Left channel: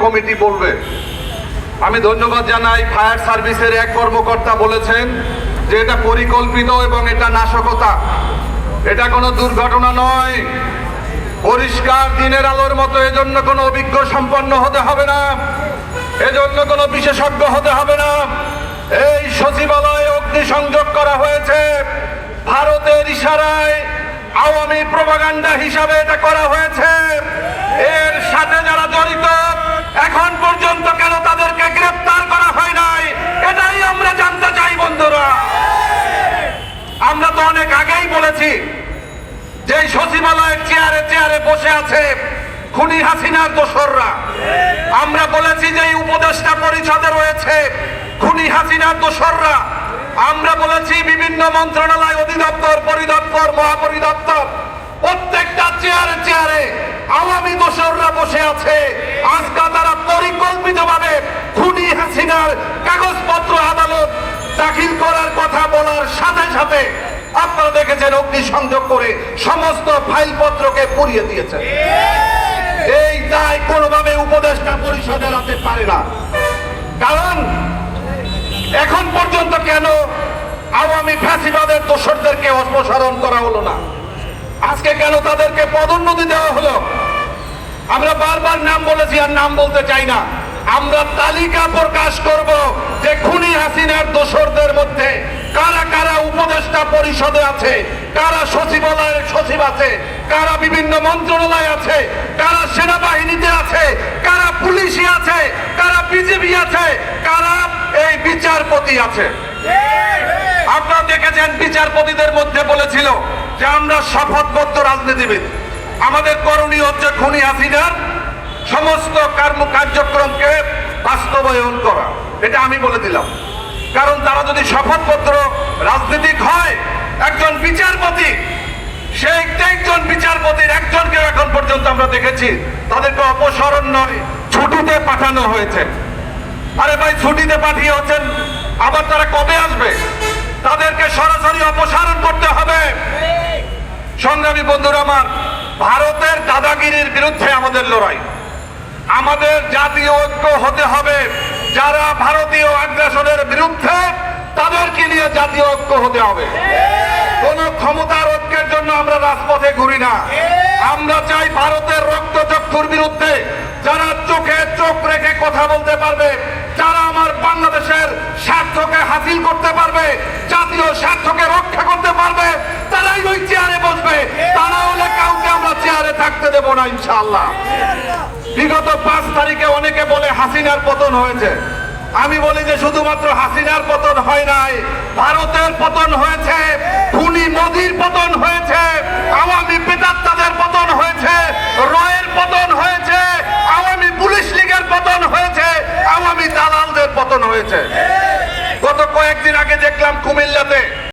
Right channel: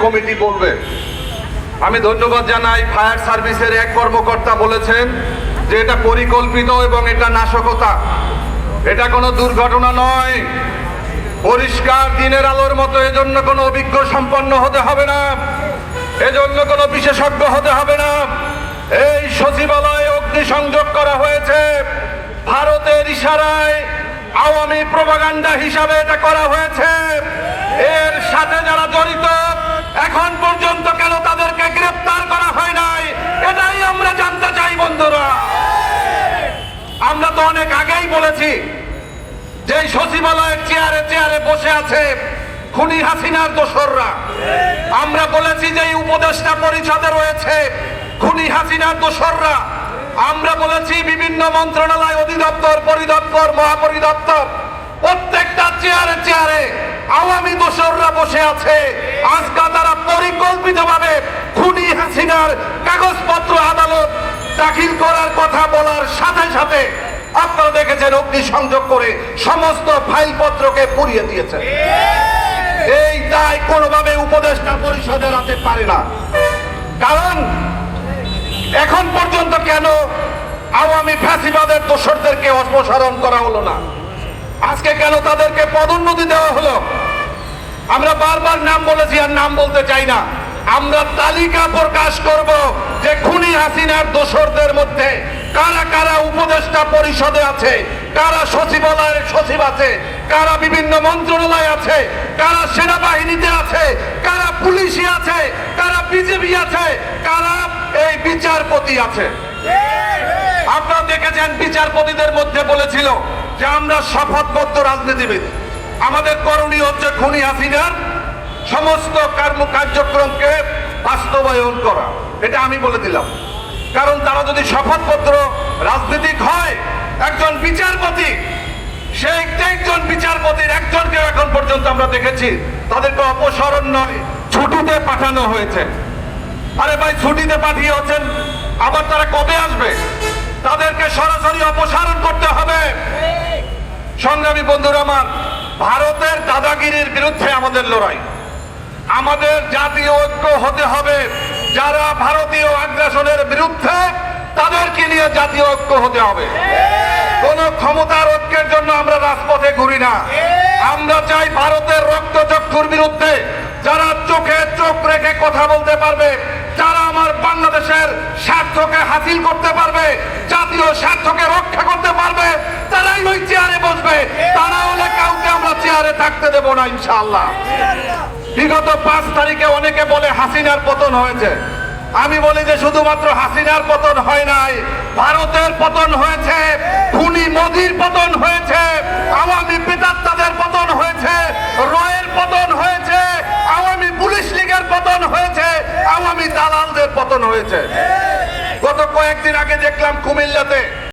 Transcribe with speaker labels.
Speaker 1: Committee বলবে আমি ধন্যবাদ জানাই ফায়ার সার্ভিসের এক কর্মকর্তা বলেছেন যে এটা পরিকল্পিত এবং এটা নাশকতা। এটা কোনো দুর্ঘটনা নয়। পরিষ্কার দিনের আলোর মতো এজন্য কোনো অভিজ্ঞ সম্পন্ন হতে হবে না। এজন্য কোনো বিশেষজ্ঞ হতে হবে না। এই সচিবালয়ে অগ্নিসংযোগ করা হয়েছে। ভারতের ইশারায় আওয়ামী প্রপাগান্ডা হিসাবে এটা করা হয়েছে। এর সাথে যারা জড়িত এখন পর্যন্ত কেন তাদেরকে গ্রেফতার করা হয় নাই? এটাই আমরা জানতে চাই, বন্ধুরা। আমরা তো অনেক আগেই বলেছি যে সচিবালয়ের চেয়ারে চেয়ারে বসে আছে খুনি হাসিনার দোসররা। আমরা বলেছি যে উপদেষ্টা পরিষদে রয়েছে খুনি হাসিনার দোসররা। আমরা বলেছি বিভিন্ন মন্ত্রণালয় অধিদপ্তর, পরিদপ্তর, মহাপরিদপ্তর, প্রত্যেকটা চেয়ারে চেয়ারে আওয়ামী দোসররা বসে আছে। আজকা পরিকল্পিতভাবে খুনি হাসিনার কাগজপত্র আদালত দাখিল করার কথা বলার সাথে সাথে আপনারা দেখেছেন অগ্নিসংযোগ করে সমস্ত ফাইলপত্রকে পুড়িয়ে দিয়েছে। এই দায় কোনোভাবে উপদেষ্টা পরিষদে রাখতে পারে না। কারণ এখন পর্যন্ত কেন আওয়ামী ফ্যাসিবাদের দোষরদেরকে অপসারণ করা হলো না? আজকে কেন তাদেরকে পদোন্নতি দেওয়া হলো? আমরা বারবার নাম বলেছি আর নাম বলতে চাই না। আমরা তালিকা প্রকাশ করব যে খুনি হাসিনার দোসরদের মধ্যে কারা কারা উপদেষ্টা পরিষদে আছে, কারা সচিবালয়ের সচিব আছে, কারা বিভিন্ন মন্ত্রণালয় আছে, কারা সেনাবাহিনীতে আছে, কারা পুলিশে আছে, কারা বিজেপি আছে, কারা এই বিচারপতি আছে। আপনারা দেখেছেন বিচারপতিদের মধ্যে বলেছিল যে আমরা শপথবদ্ধ রাজনীতিবিদ। আমাদের করণীয় হচ্ছে খুনি হাসিনার সমস্ত কর্ম কার্যক্রমকে বাস্তবায়ন করা। এটা আমি বলে দিলাম। কারণ তারা যদি শপথপত্র রাজনীতিক হয়, একজন বিচারপতি, সে একজন বিচারপতির একজনকে এখন পর্যন্ত আমরা দেখেছি, তাদেরকে অপসারণ নয়, ছুটিতে পাঠানো হয়েছে। আরে ভাই, ছুটিতে পাঠিয়ে হচ্ছেন আবার তারা কবে আসবে? তাদেরকে সরাসরি অপসারণ করতে হবে। সংগ্রামী বন্ধুরা আমার, ভারতের দাদাগিরির বিরুদ্ধে আমাদের লড়াই। আমাদের জাতীয় ঐক্য হতে হবে। যারা ভারতীয় আগ্রাসনের বিরুদ্ধে, তাদেরকে নিয়ে জাতীয় ঐক্য হতে হবে। কোন ক্ষমতার ঐক্যের জন্য আমরা রাজপথে ঘুরি না। আমরা চাই ভারতের রক্তচক্ষুর বিরুদ্ধে যারা চোখে চোখ রেখে কথা বলতে পারবে যারা আমার বাংলাদেশের স্বার্থকে হাসিল করতে পারবে, জাতীয় স্বার্থকে রক্ষা করতে পারবে, তারাই ওই চেয়ারে বসবে। তারা থাকতে দেবো না ইনশাল্লাহ বিগত পাঁচ তারিখে অনেকে বলে হাসিনার পতন হয়েছে। আমি বলি যে শুধুমাত্র হাসিনার পতন হয় নাই, ভারতের পতন হয়েছে, খুনি মোদির পতন হয়েছে, আওয়ামী পেতাত্তাদের পতন হয়েছে, রয়ের পতন হয়েছে, আওয়ামী পুলিশ লীগের পতন হয়েছে, আওয়ামী দালালদের পতন হয়েছে। গত কয়েকদিন আগে দেখলাম কুমিল্লাতে